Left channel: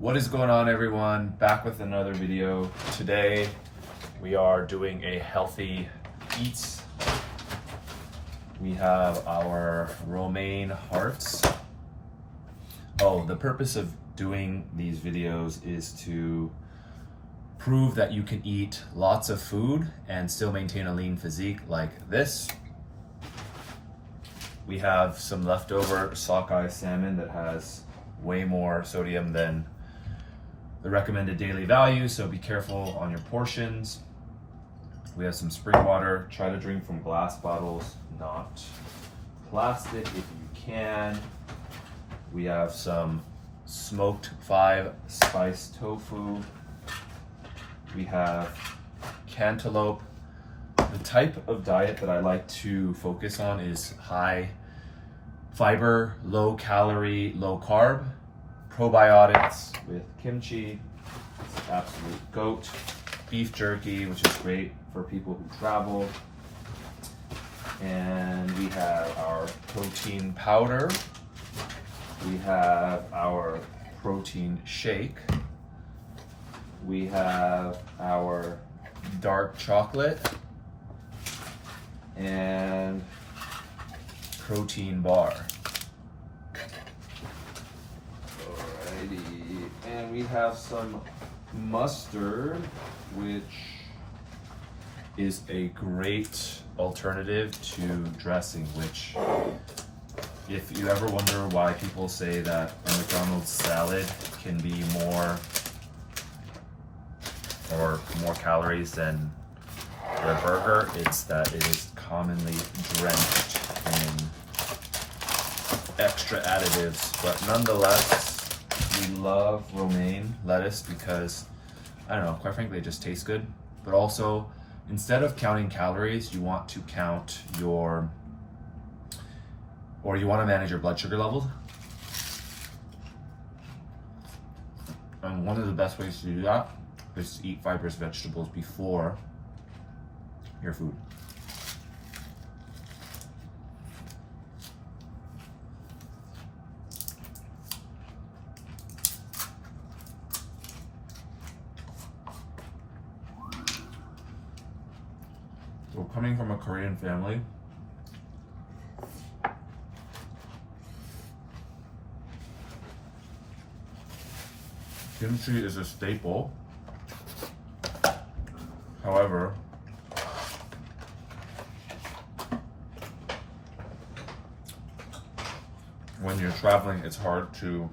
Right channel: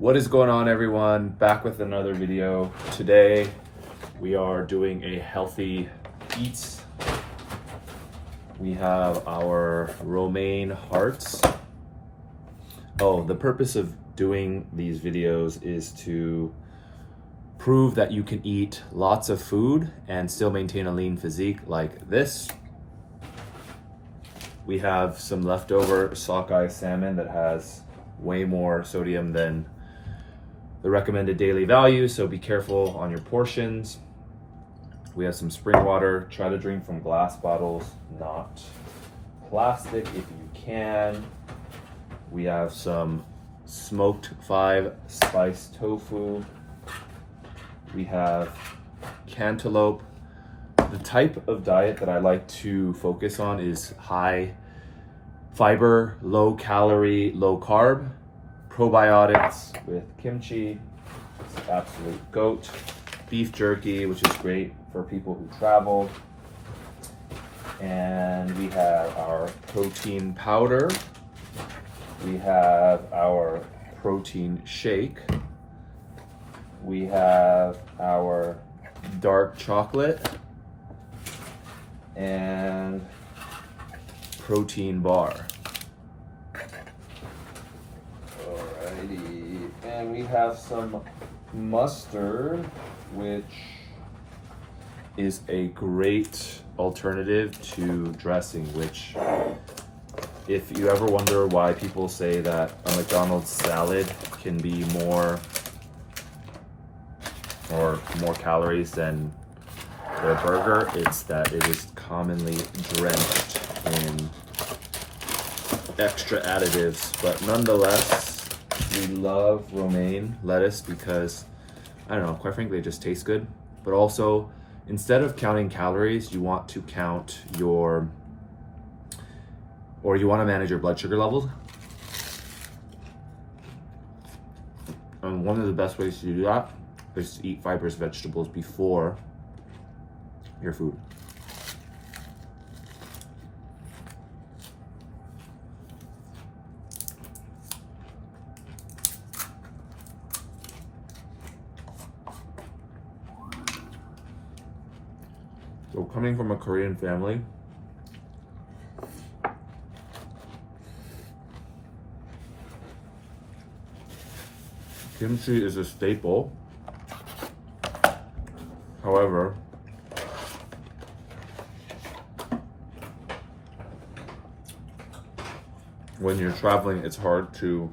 What is going on, everyone? Back with another video. Today we are doing a healthy eats. We have our romaine hearts. Oh, the purpose of doing these videos is to prove that you can eat lots of food and still maintain a lean physique like this. We have some leftover sockeye salmon that has way more sodium than the recommended daily value, so be careful on your portions. We have some spring water. Try to drink from glass bottles, not plastic if you can. We have some smoked 5-spice tofu. We have cantaloupe. The type of diet that I like to focus on is high fiber, low calorie, low carb. Probiotics with kimchi, it's absolute goat. Beef jerky, which is great for people who travel. And we have our protein powder. We have our protein shake. We have our dark chocolate and protein bar. And we have some mustard, which is a great alternative to dressing, which if you ever wonder why people say that a McDonald's salad can be more calories than their burger, it's that it is commonly drenched in extra additives. But nonetheless, we love romaine lettuce because, I don't know, quite frankly, it just tastes good. But also, instead of counting calories, you want to count you want to manage your blood sugar levels. And one of the best ways to do that is to eat fibrous vegetables before your food. So coming from a Korean family, kimchi is a staple. However, when you're traveling, it's hard to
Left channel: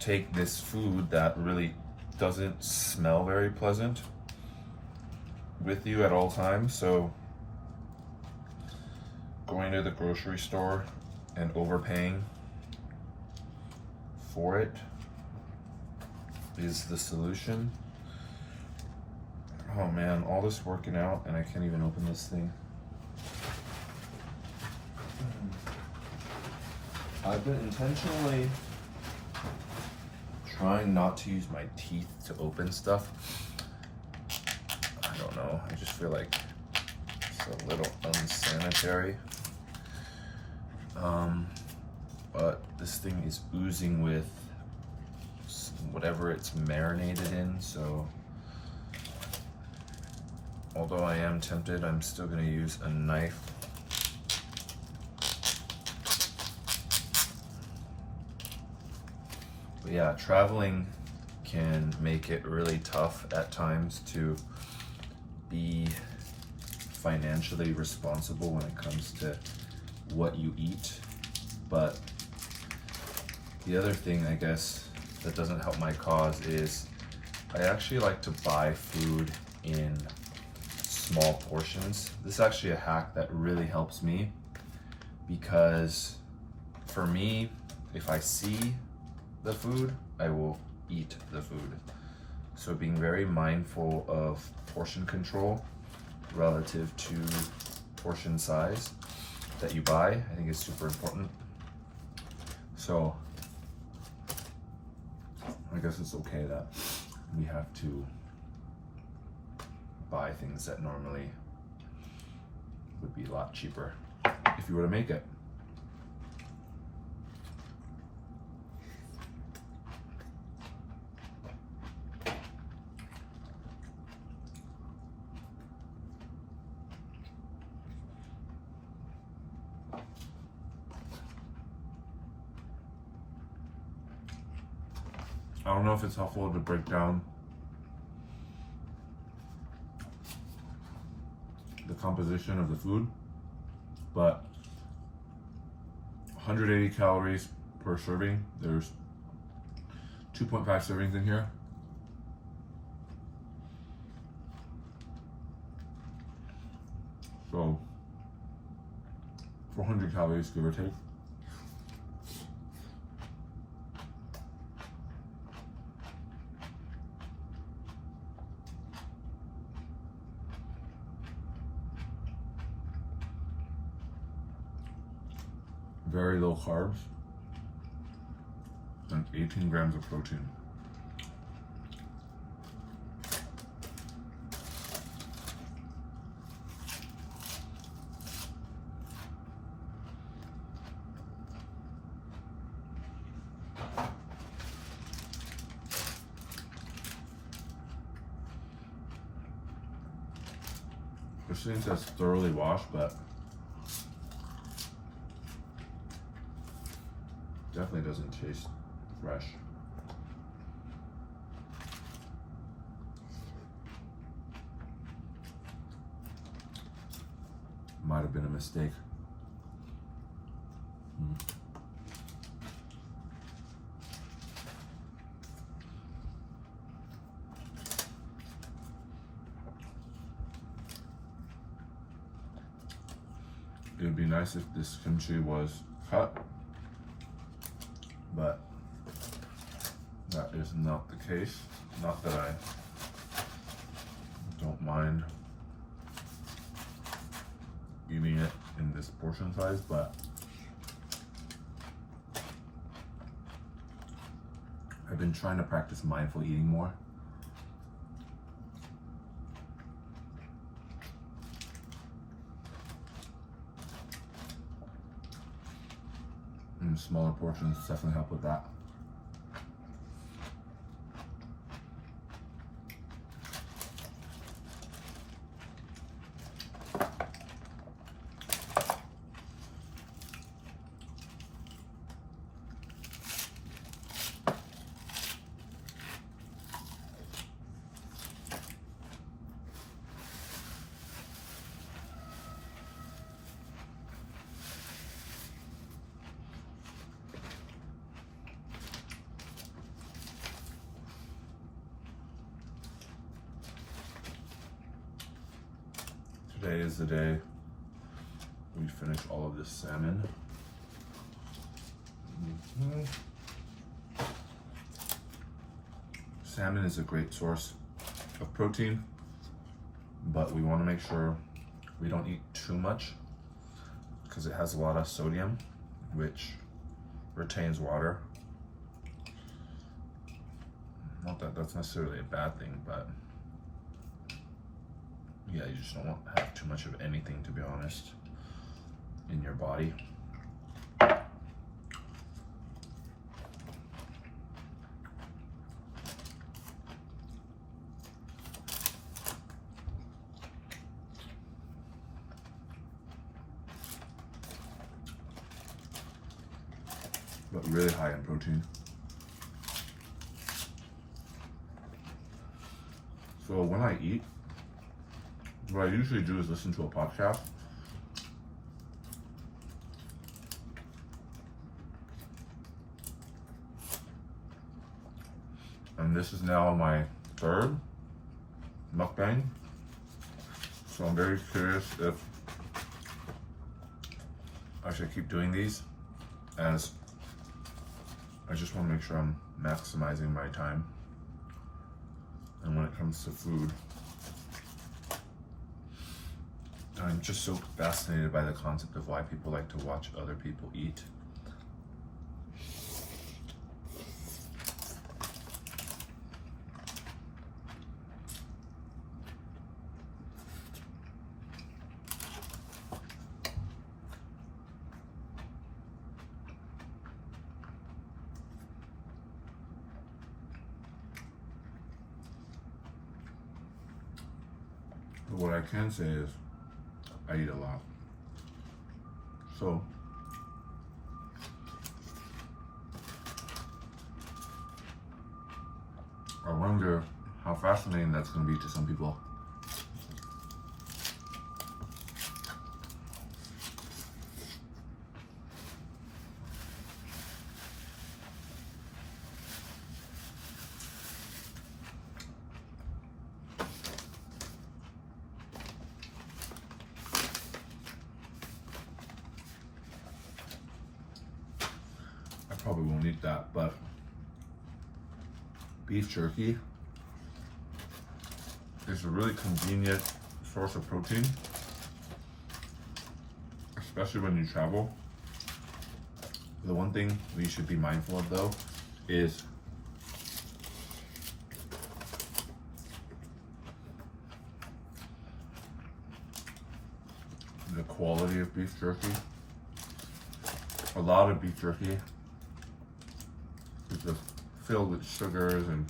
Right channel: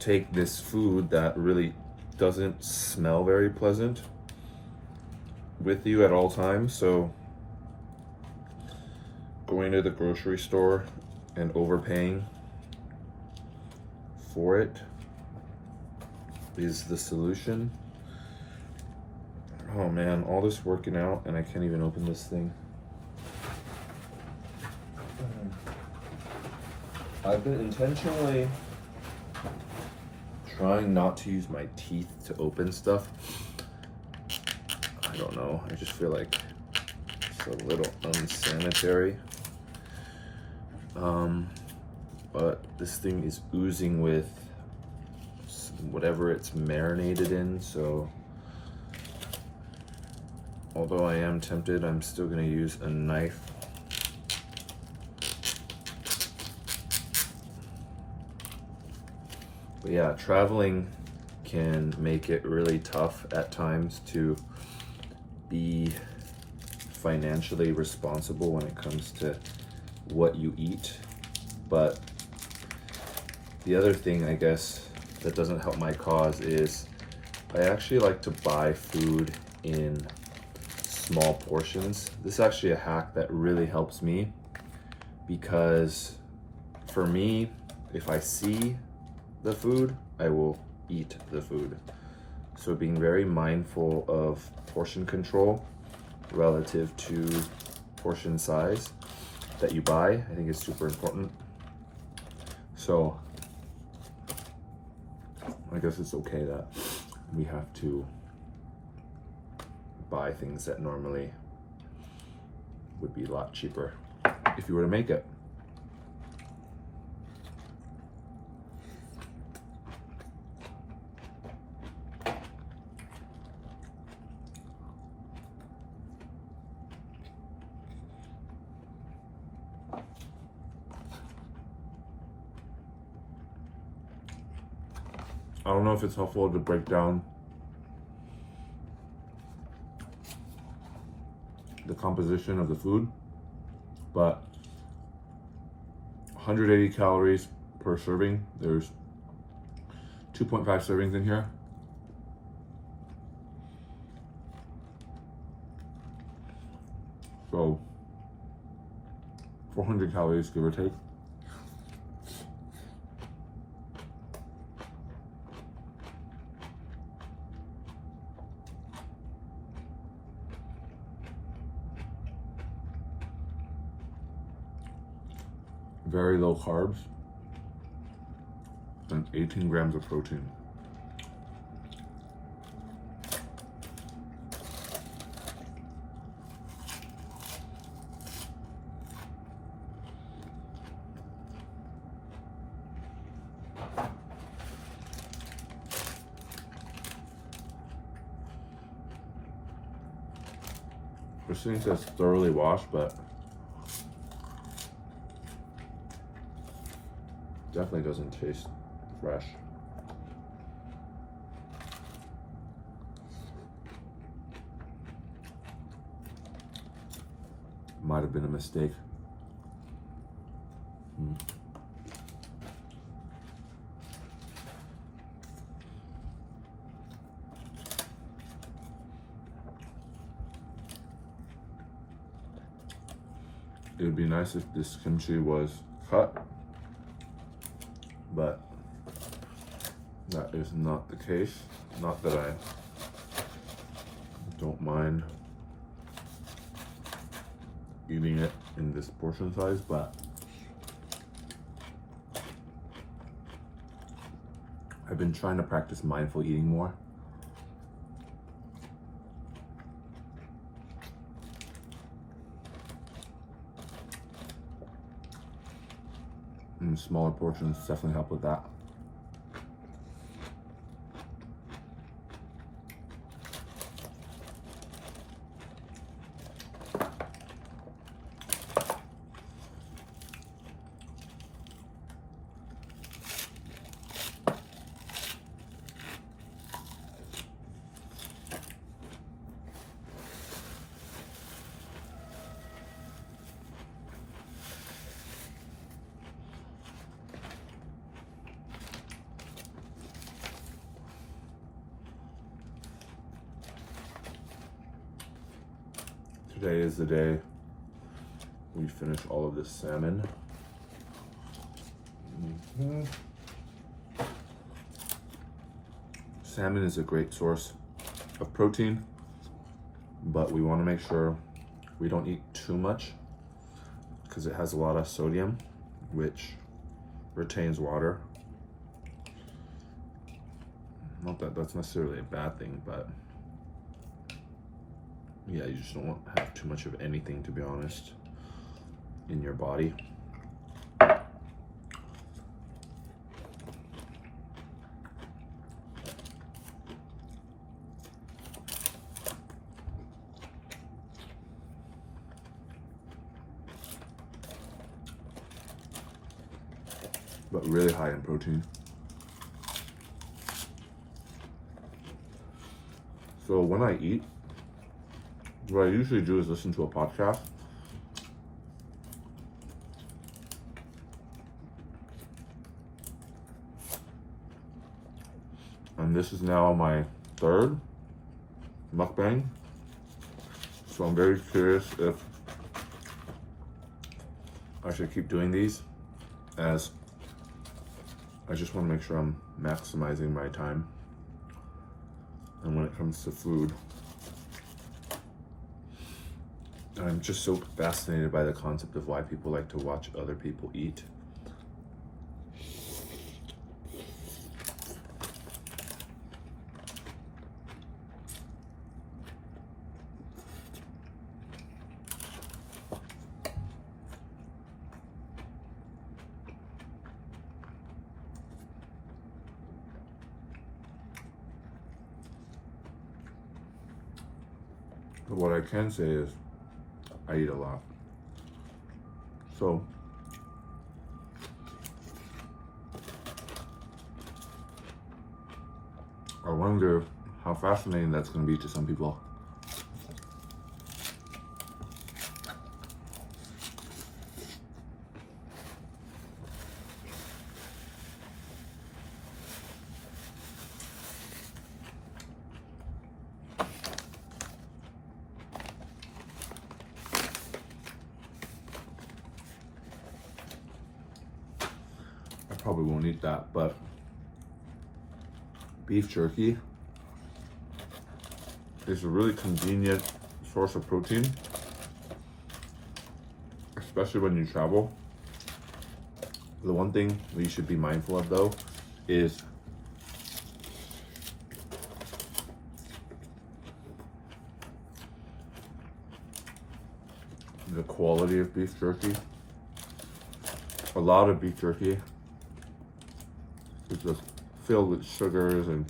take this food that really doesn't smell very pleasant with you at all times. So going to the grocery store and overpaying for it is the solution. Oh man, all this working out and I can't even open this thing. I've been intentionally trying not to use my teeth to open stuff. I don't know, I just feel like it's a little unsanitary. But this thing is oozing with whatever it's marinated in, so although I am tempted, I'm still gonna use a knife. But yeah, traveling can make it really tough at times to be financially responsible when it comes to what you eat. But the other thing, I guess, that doesn't help my cause is I actually like to buy food in small portions. This is actually a hack that really helps me because for me, if I see the food, I will eat the food. So being very mindful of portion control relative to portion size that you buy, I think is super important. So I guess it's okay that we have to buy things that normally would be a lot cheaper if you were to make it. I don't know if it's helpful to break down the composition of the food, but 180 calories per serving. There's 2.5 servings in here. So 400 calories, give or take. Very low carbs and 18 grams of protein. This thing says thoroughly washed, but definitely doesn't taste fresh. Might have been a mistake. It would be nice if this kimchi was cut, but that is not the case. Not that I don't mind eating it in this portion size, but I've been trying to practice mindful eating more. And smaller portions definitely help with that. Today is the day we finish all of this salmon. Salmon is a great source of protein, but we want to make sure we don't eat too much because it has a lot of sodium, which retains water. Not that that's necessarily a bad thing, but yeah, you just don't want to have too much of anything, to be honest, in your body. But really high in protein. So when I eat, what I usually do is listen to a podcast. And this is now my third mukbang. So I'm very curious if I should keep doing these, as I just want to make sure I'm maximizing my time. And when it comes to food, I'm just so fascinated by the concept of why people like to watch other people eat. But what I can say is I eat a lot. So I wonder how fascinating that's going to be to some people. I probably won't eat that, but beef jerky is a really convenient source of protein, especially when you travel. The one thing we should be mindful of though is the quality of beef jerky. A lot of beef jerky is just filled with sugars and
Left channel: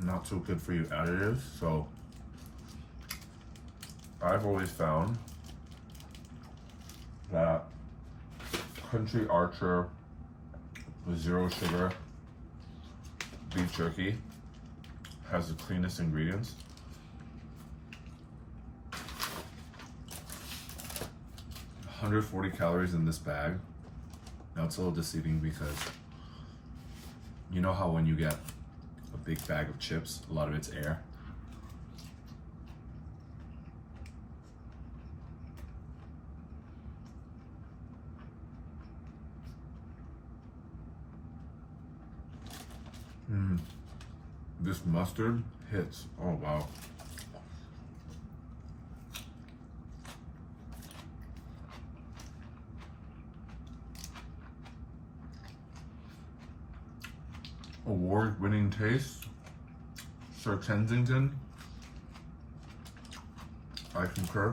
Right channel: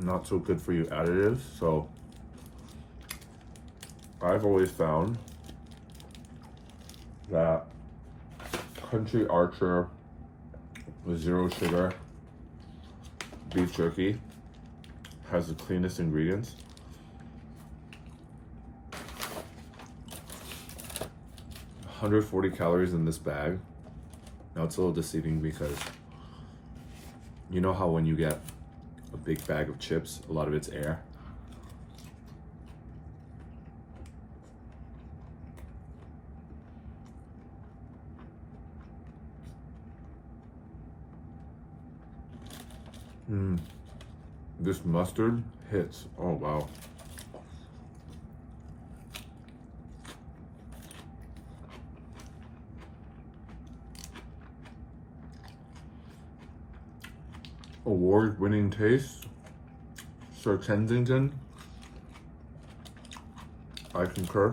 not so good for you additives. So I've always found that Country Archer with zero sugar beef jerky has the cleanest ingredients. $140 calories in this bag. Now it's a little deceiving because you know how when you get a big bag of chips, a lot of it's air. This mustard hits. Oh wow. Award-winning taste. Sir Kensington. I concur.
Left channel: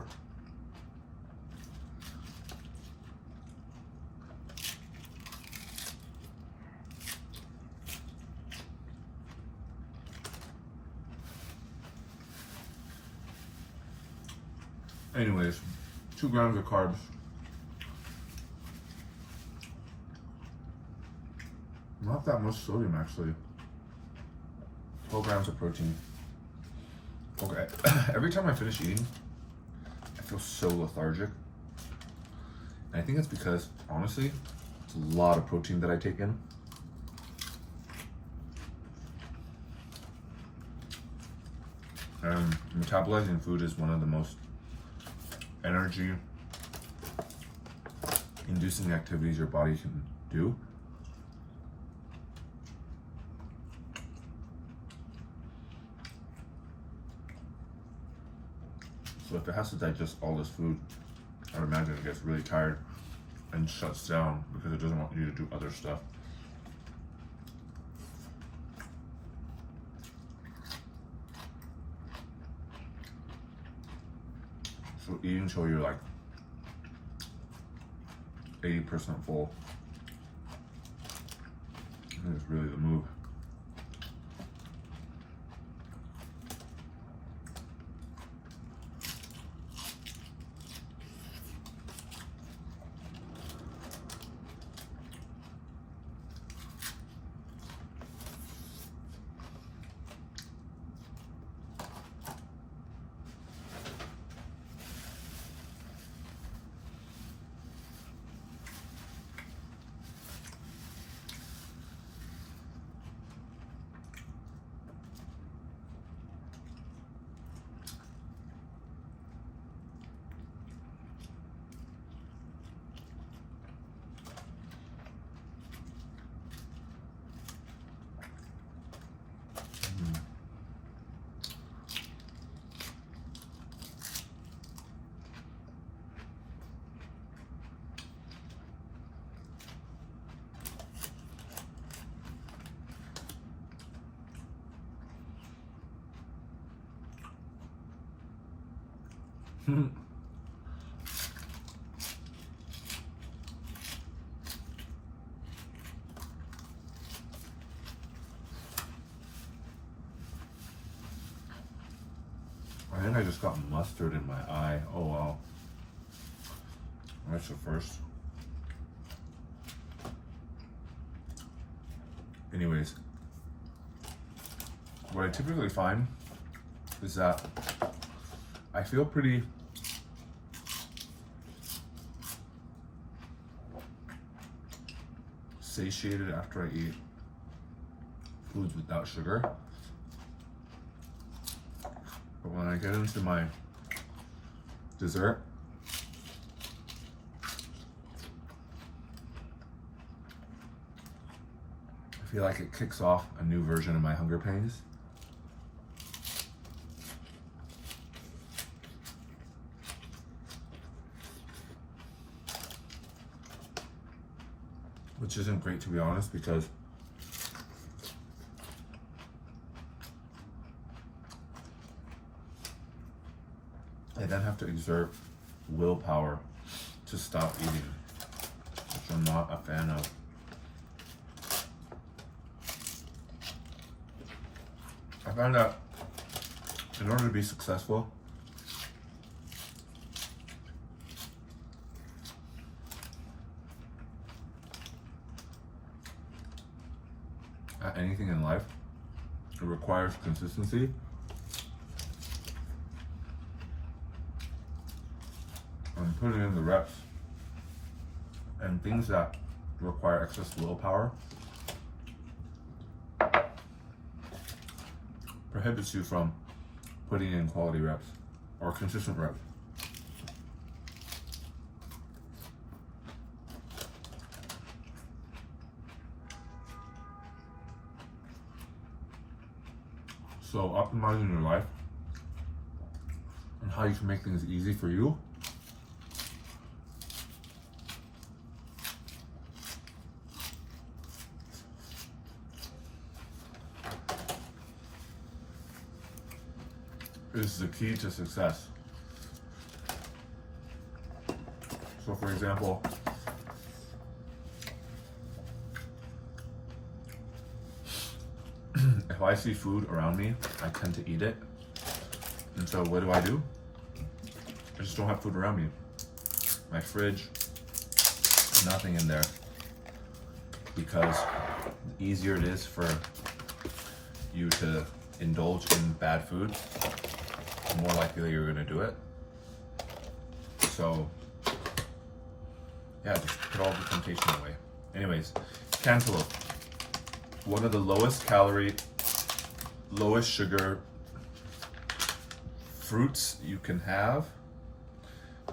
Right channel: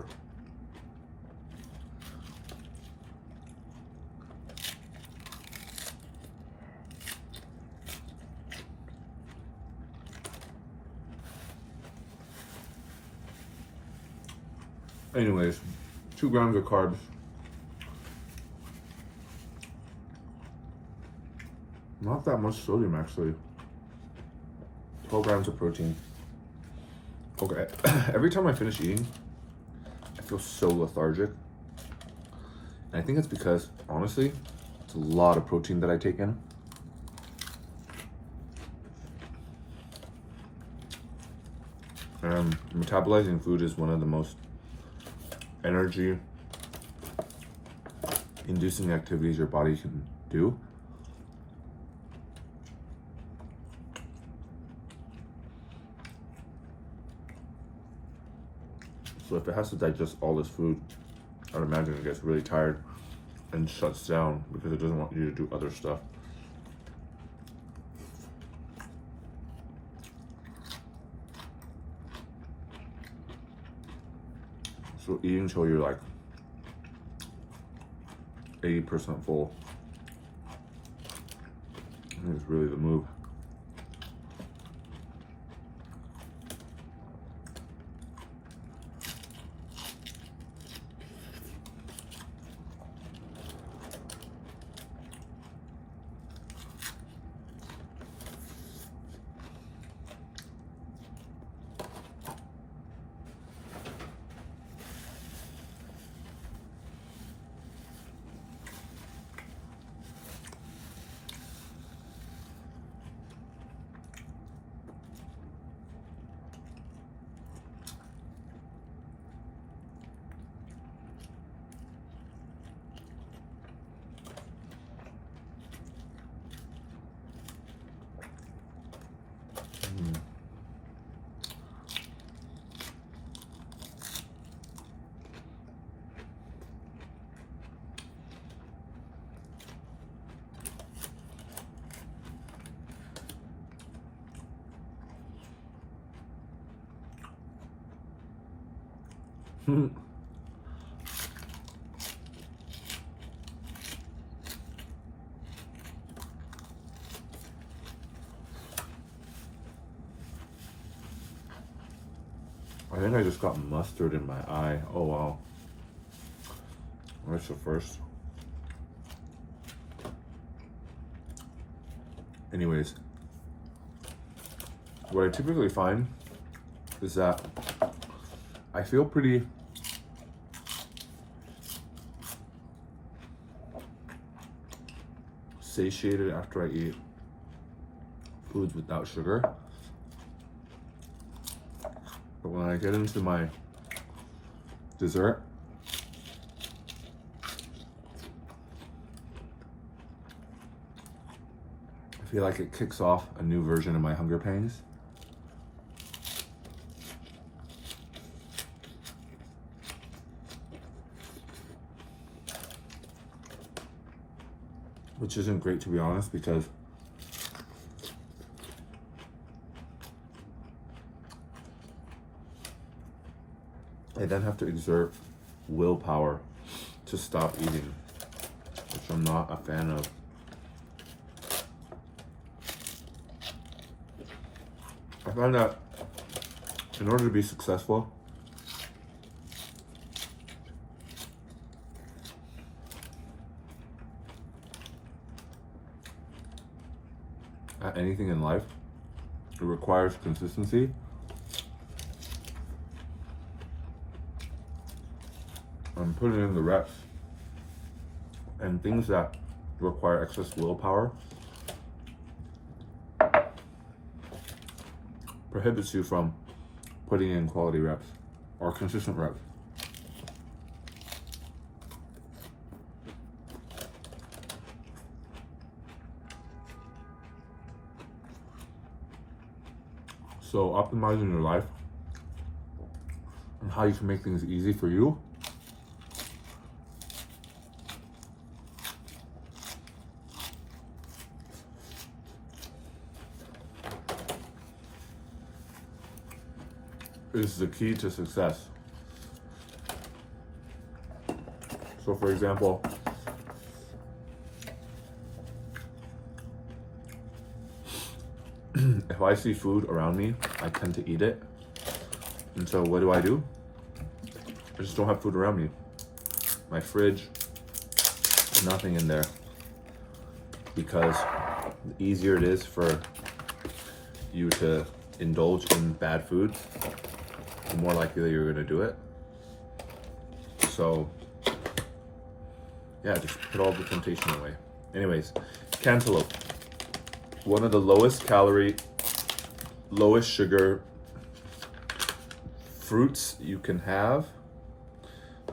Anyways, 2 grams of carbs. Not that much sodium actually. 12 grams of protein. Okay, every time I finish eating, I feel so lethargic. And I think it's because, honestly, it's a lot of protein that I take in. Metabolizing food is one of the most energy inducing activities your body can do. So if it has to digest all this food, I'd imagine it gets really tired and shuts down because it doesn't want you to do other stuff. So eat until you're like 80% full. I think it's really the move. I think I just got mustard in my eye. Oh wow. That's the first. Anyways, what I typically find is that I feel pretty satiated after I eat foods without sugar. But when I get into my dessert, I feel like it kicks off a new version of my hunger pains. Which isn't great, to be honest, because I then have to exert willpower to stop eating, which I'm not a fan of. I find that in order to be successful, at anything in life, it requires consistency. I'm putting in the reps, and things that require excess willpower prohibits you from putting in quality reps or consistent reps. So optimizing your life and how you can make things easy for you is the key to success. So for example, if I see food around me, I tend to eat it. And so what do? I just don't have food around me. My fridge, nothing in there. Because the easier it is for you to indulge in bad foods, the more likely you're gonna do it. So yeah, just put all the temptation away. Anyways, cantaloupe. One of the lowest calorie, lowest sugar fruits you can have.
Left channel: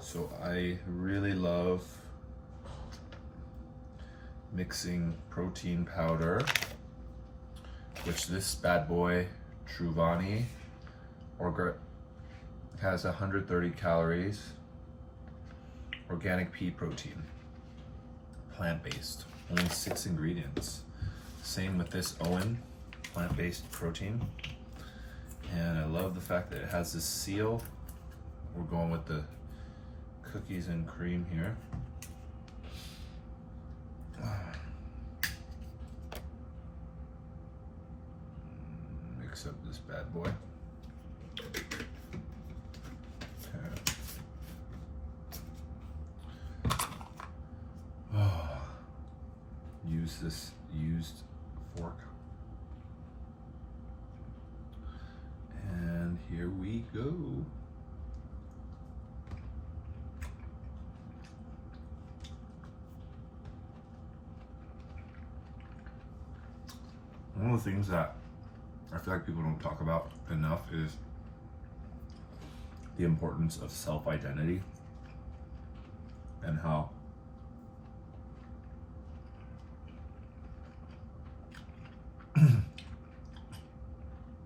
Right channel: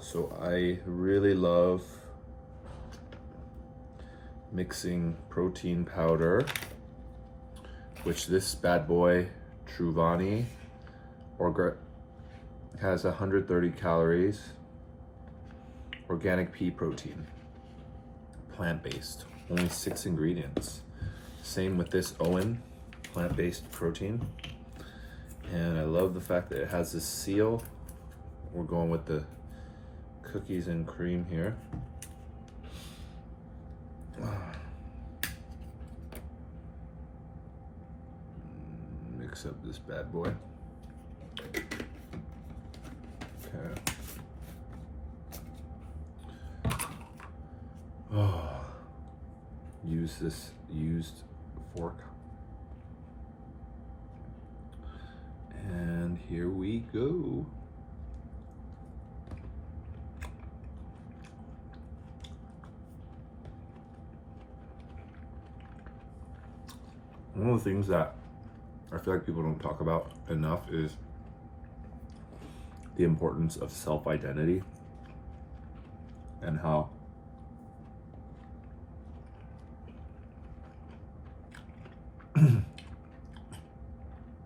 So I really love mixing protein powder, which this bad boy, Truvani, has 130 calories, organic pea protein, plant-based, only 6 ingredients. Same with this Owen, plant-based protein. And I love the fact that it has this seal. We're going with the cookies and cream here. Mix up this bad boy. Okay. Oh. Use this used fork. And here we go. One of the things that I feel like people don't talk about enough is the importance of self-identity and how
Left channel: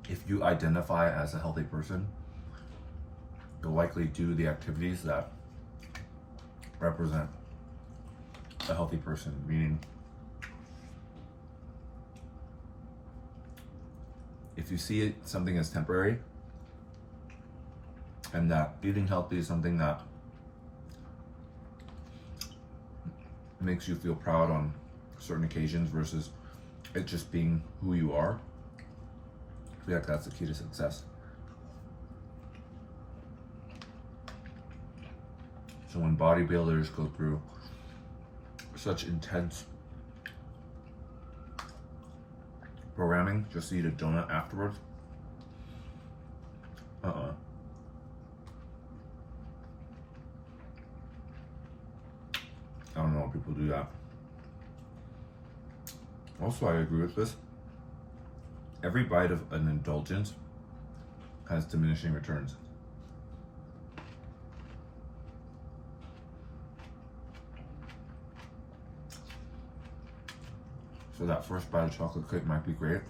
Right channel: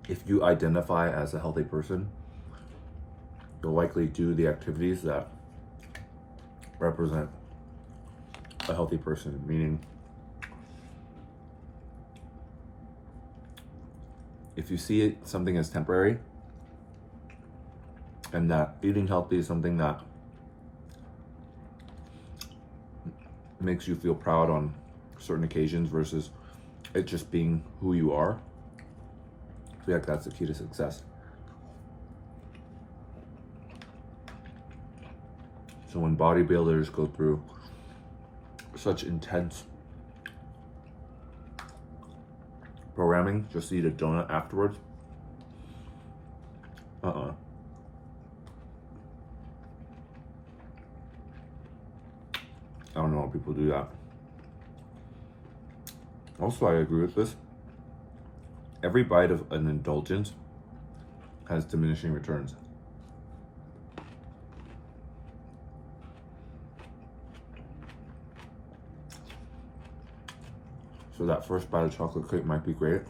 if you identify as a healthy person, you'll likely do the activities that represent a healthy person, meaning if you see something as temporary and that eating healthy is something that makes you feel proud on certain occasions versus it just being who you are, I feel like that's the key to success. So when bodybuilders go through such intense programming just to eat a donut afterwards. I don't know why people do that. Also, I agree with this. Every bite of an indulgence has diminishing returns. So that first bite of chocolate cake might be great.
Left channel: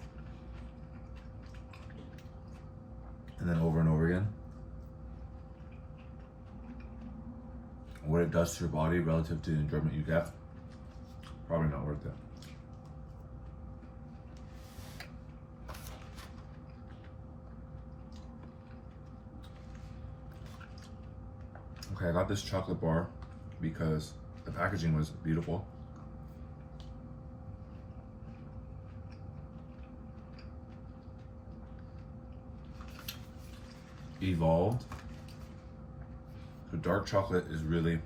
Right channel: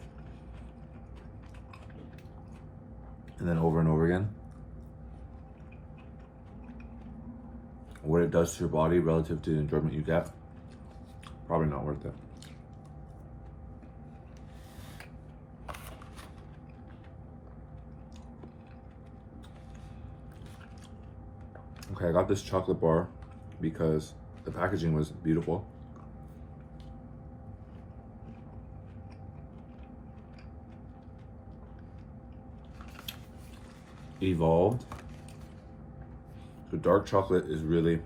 And then over and over again. What it does to your body relative to the enjoyment you get, probably not worth it. Okay, I got this chocolate bar because the packaging was beautiful. Evolved. So dark chocolate is really,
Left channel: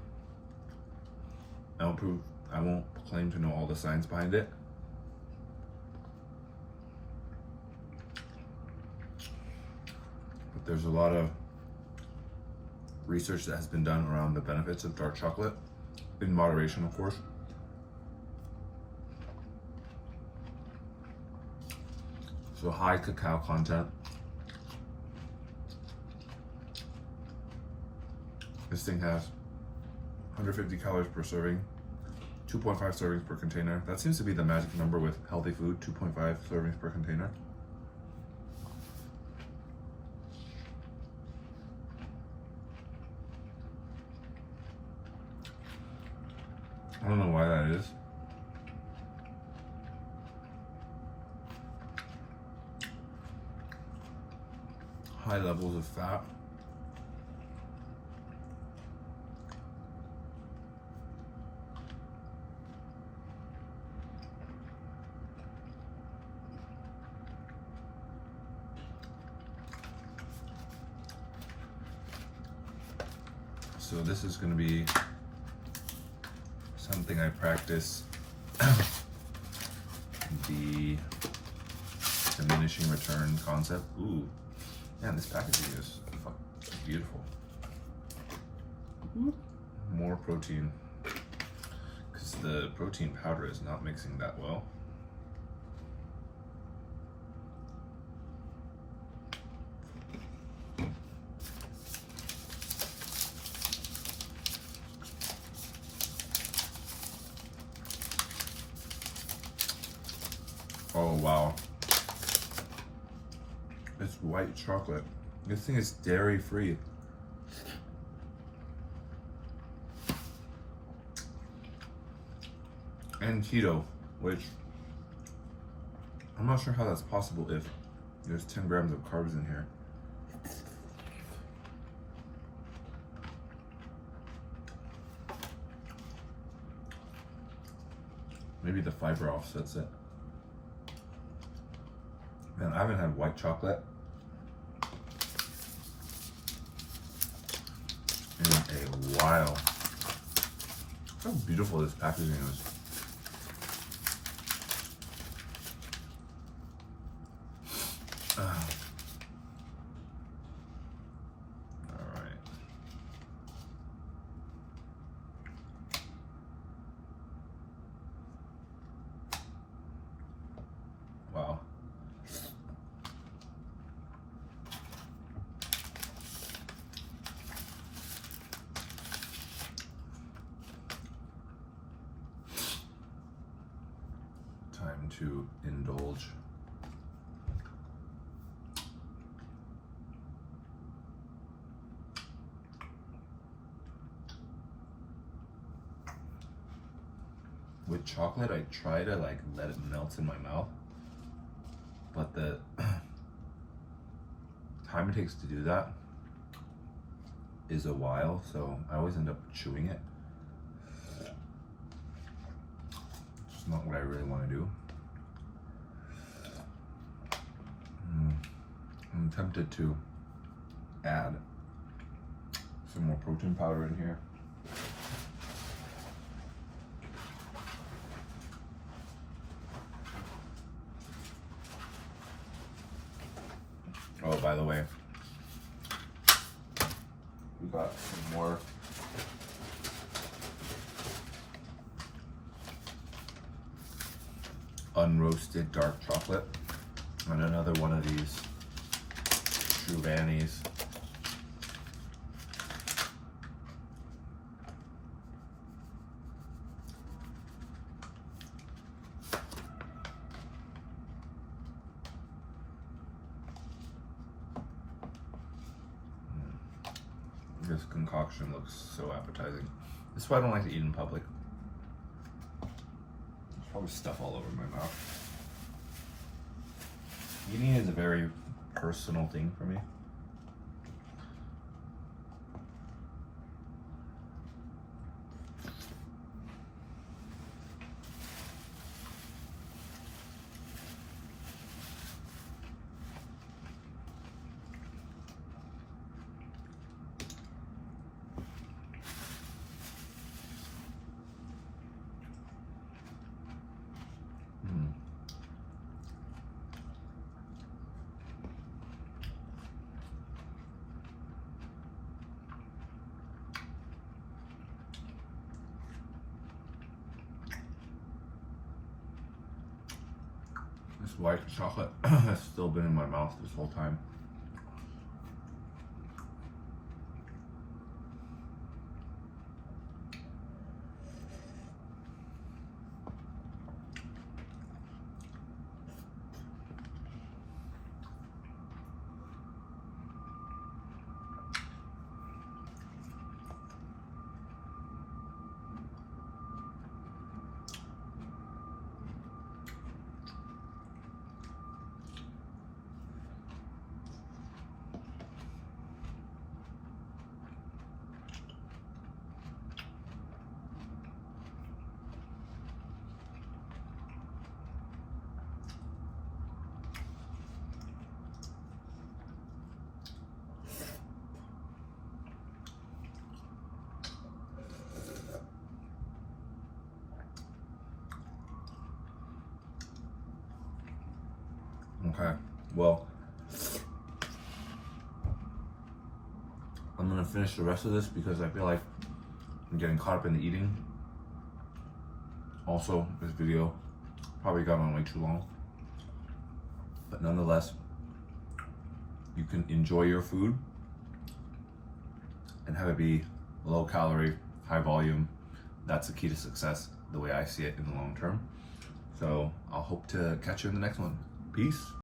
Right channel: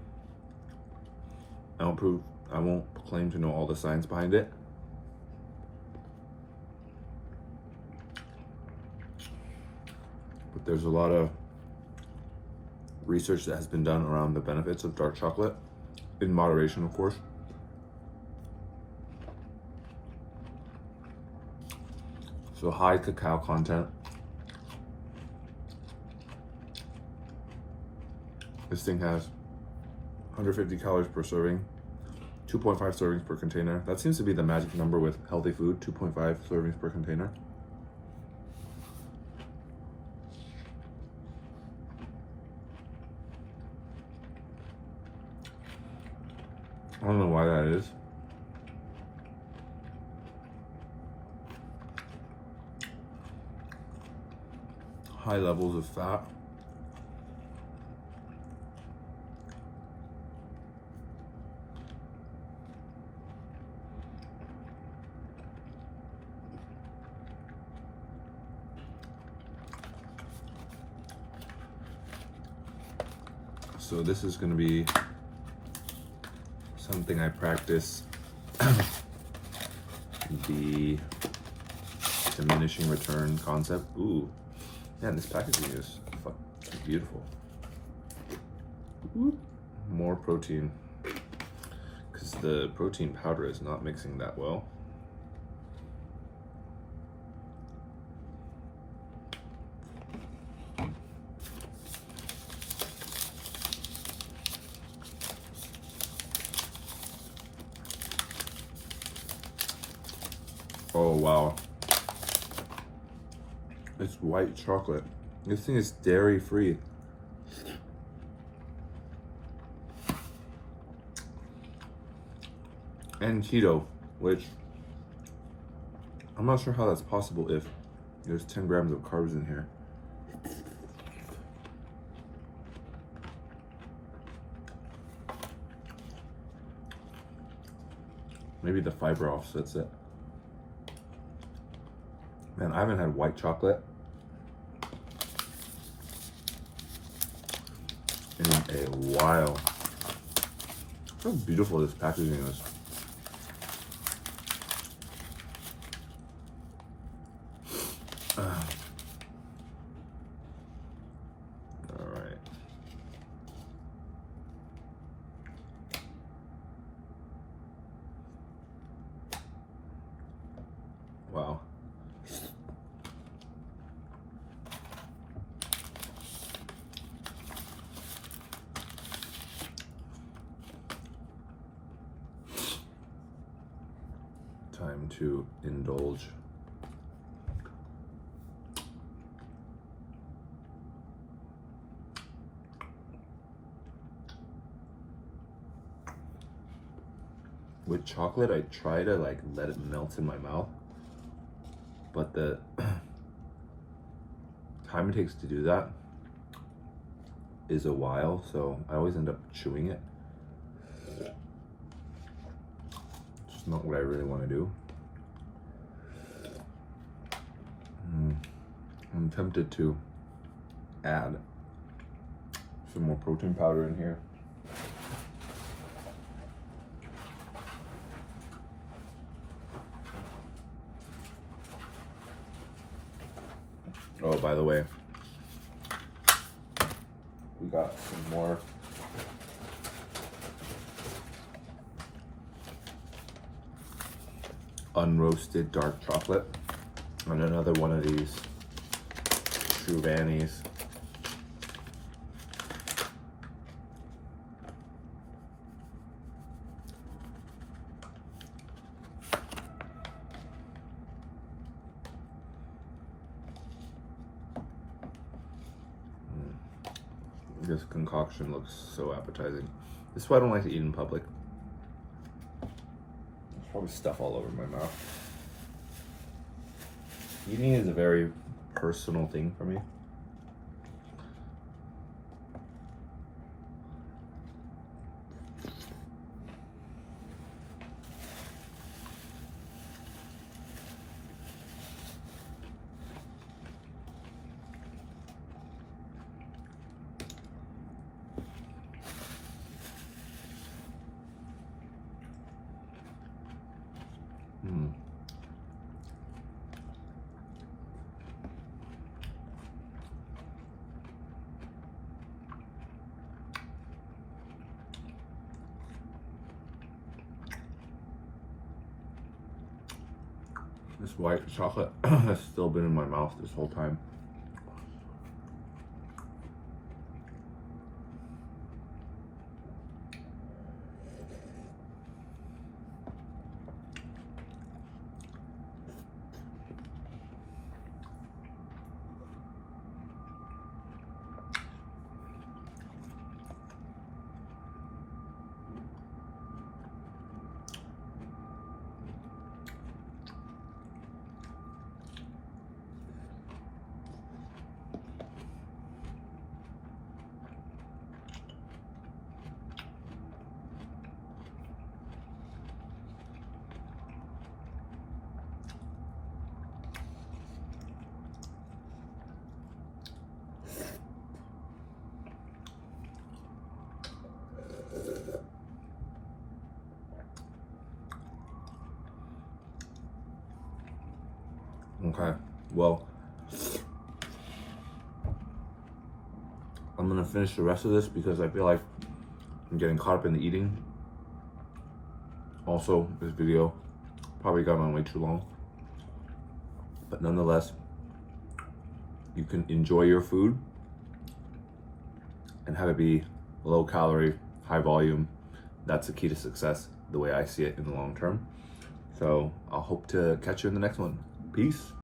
I won't claim to know all the science behind it. But there's a lot of research that has been done around the benefits of dark chocolate, in moderation, of course. So high cacao content. This thing has 150 calories per serving, 2.5 servings per container. That seems to be the magic number with healthy food, 2.5 servings per container. I don't know why that is. High levels of fat. So this is going to be something I practice, the diminishing return concept. Ooh, man, this packaging is beautiful. Ooh. More protein, because the protein powder is not mixing that well. Oh wow, it's white chocolate. This thing is dairy free. And keto, which I'm not sure how that's possible if there's 10 grams of carbs in here. Maybe the fiber offsets it. Man, I haven't had white chocolate in a while. How beautiful this packaging is. Wow. Time to indulge. With chocolate, I try to like let it melt in my mouth, but the time it takes to do that is a while, so I always end up chewing it. It's not what I really want to do. I'm tempted to add some more protein powder in here. Oh, by the way, we got some more unroasted dark chocolate and another one of these Chouvanis. This concoction looks so appetizing. This is why I don't like to eat in public. There's probably stuff all over my mouth. Eating is a very personal thing for me. This white chocolate has still been in my mouth this whole time. Okay, well, I'm gonna finish the rest of this because I feel like I'm getting caught up in the eating. Also, this video probably got on way too long, but nonetheless, you can enjoy your food and have it be low calorie, high volume. That's the key to success, the way I see it in the long term. So I'll hope to catch you in the next one. Peace.